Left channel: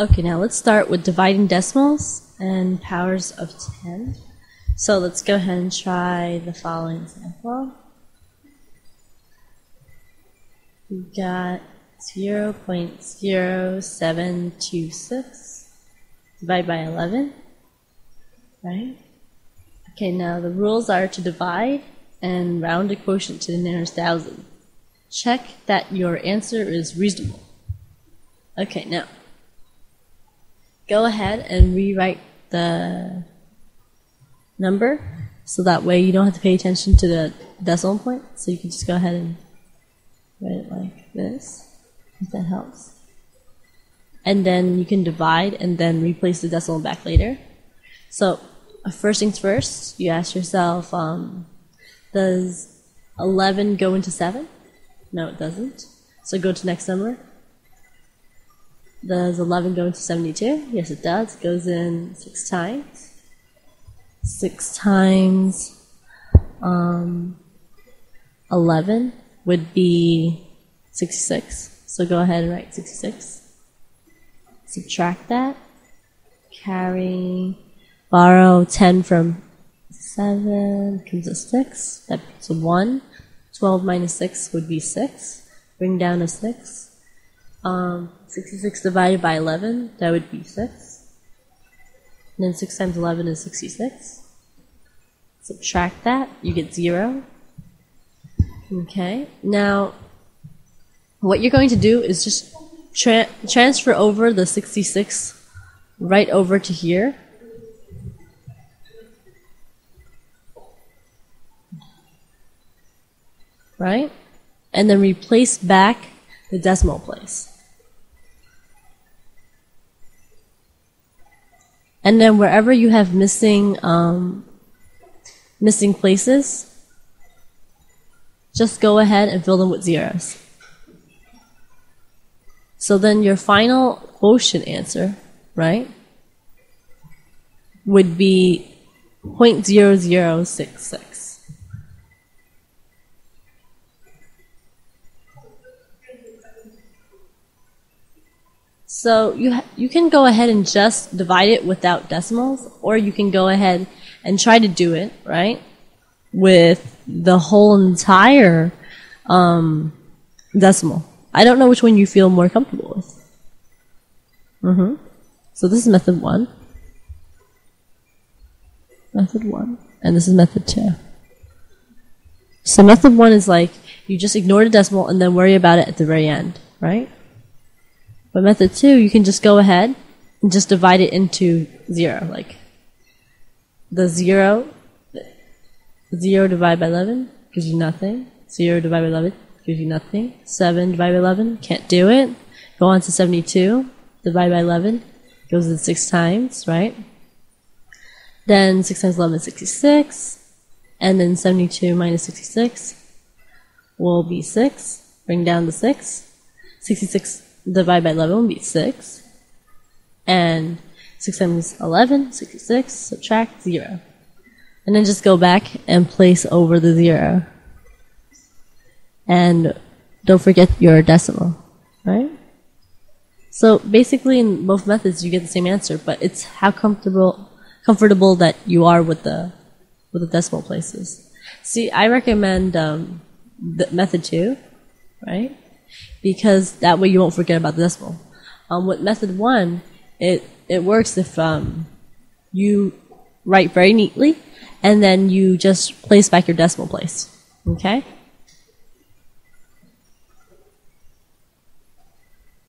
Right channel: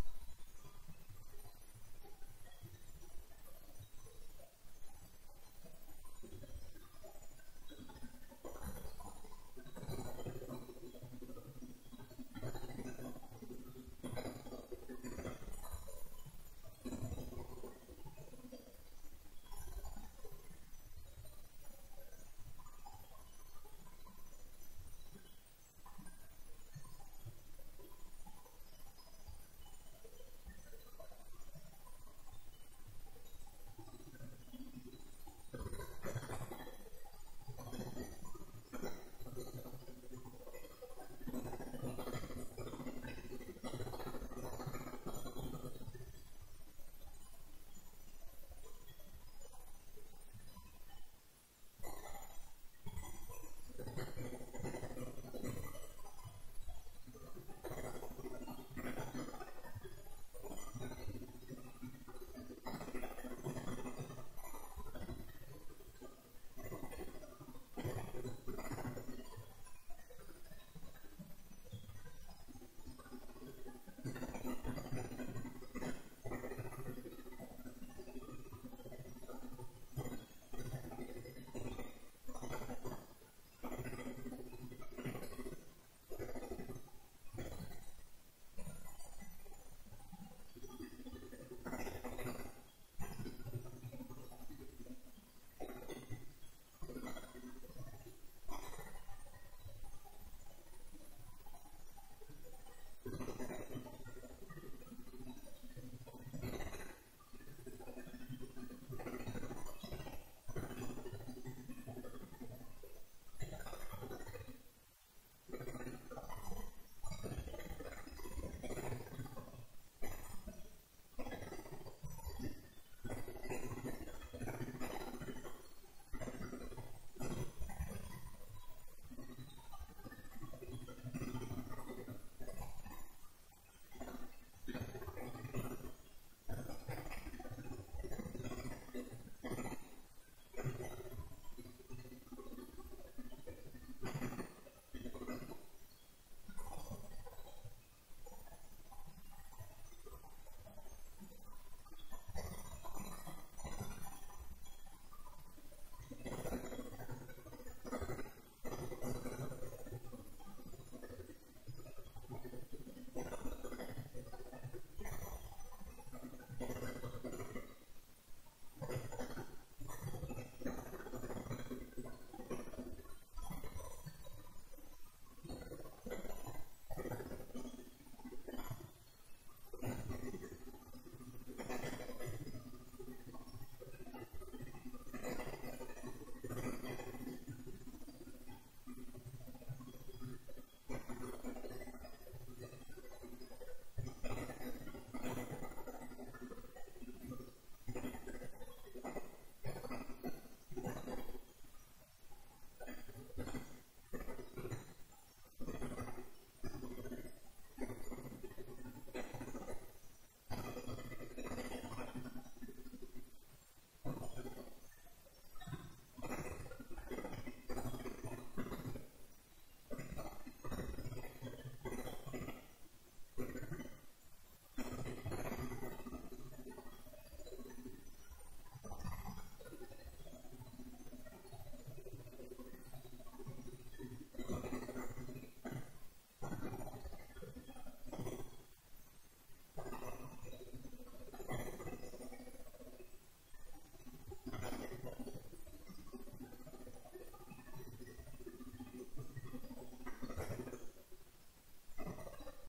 Okay, now let's start with dividing decimals and powers of 10. So let's go ahead and try the following example. We've got 0.0726 divided by 11, right? Okay, now the rules are to divide and round a quotient to the nearest thousand. Check that your answer is reasonable. Okay, now go ahead and rewrite the number so that way you don't have to pay attention to the decimal point. So you can just go ahead and write it like this, if that helps. And then you can divide and then replace the decimal back later. So first things first, you ask yourself, does 11 go into 7? No, it doesn't. So go to the next number. Does 11 go into 72? Yes, it does. It goes in 6 times. 6 times 11 would be 66. So go ahead and write 66. Subtract that. Borrow 10 from 7 comes to 6. That becomes a 1. 12 minus 6 would be 6. Bring down a 6. 66 divided by 11, that would be 6. And then 6 times 11 is 66. Subtract that, you get 0. Okay, now what you're going to do is just transfer over the 66 right over to here. Right? And then replace back the decimal place. And then wherever you have missing places, just go ahead and fill them with zeros. So then your final quotient answer, right, would be 0.0066. So you can go ahead and just divide it without decimals, or you can go ahead and try to do it, right, with the whole entire decimal. I don't know which one you feel more comfortable with. So this is method 1. Method 1. And this is method 2. So method 1 is like, you just ignore the decimal and then worry about it at the very end, right? But method 2, you can just go ahead and just divide it into 0. Like the 0 divided by 11 gives you nothing. 0 divided by 11 gives you nothing. 7 divided by 11, can't do it. Go on to 72, divided by 11, goes in 6 times, right? Then 6 times 11 is 66. And then 72 minus 66 will be 6. Bring down the 6. 66 divided by 11 will be 6. And 6 times 11, 66, subtract 0. And then just go back and place over the 0. And don't forget your decimal, right? So basically in both methods you get the same answer, but it's how comfortable that you are with the decimal places. See, I recommend the method 2, right? Because that way you won't forget about the decimal. With method 1, it works if you write very neatly and then you just place back your decimal place. Okay?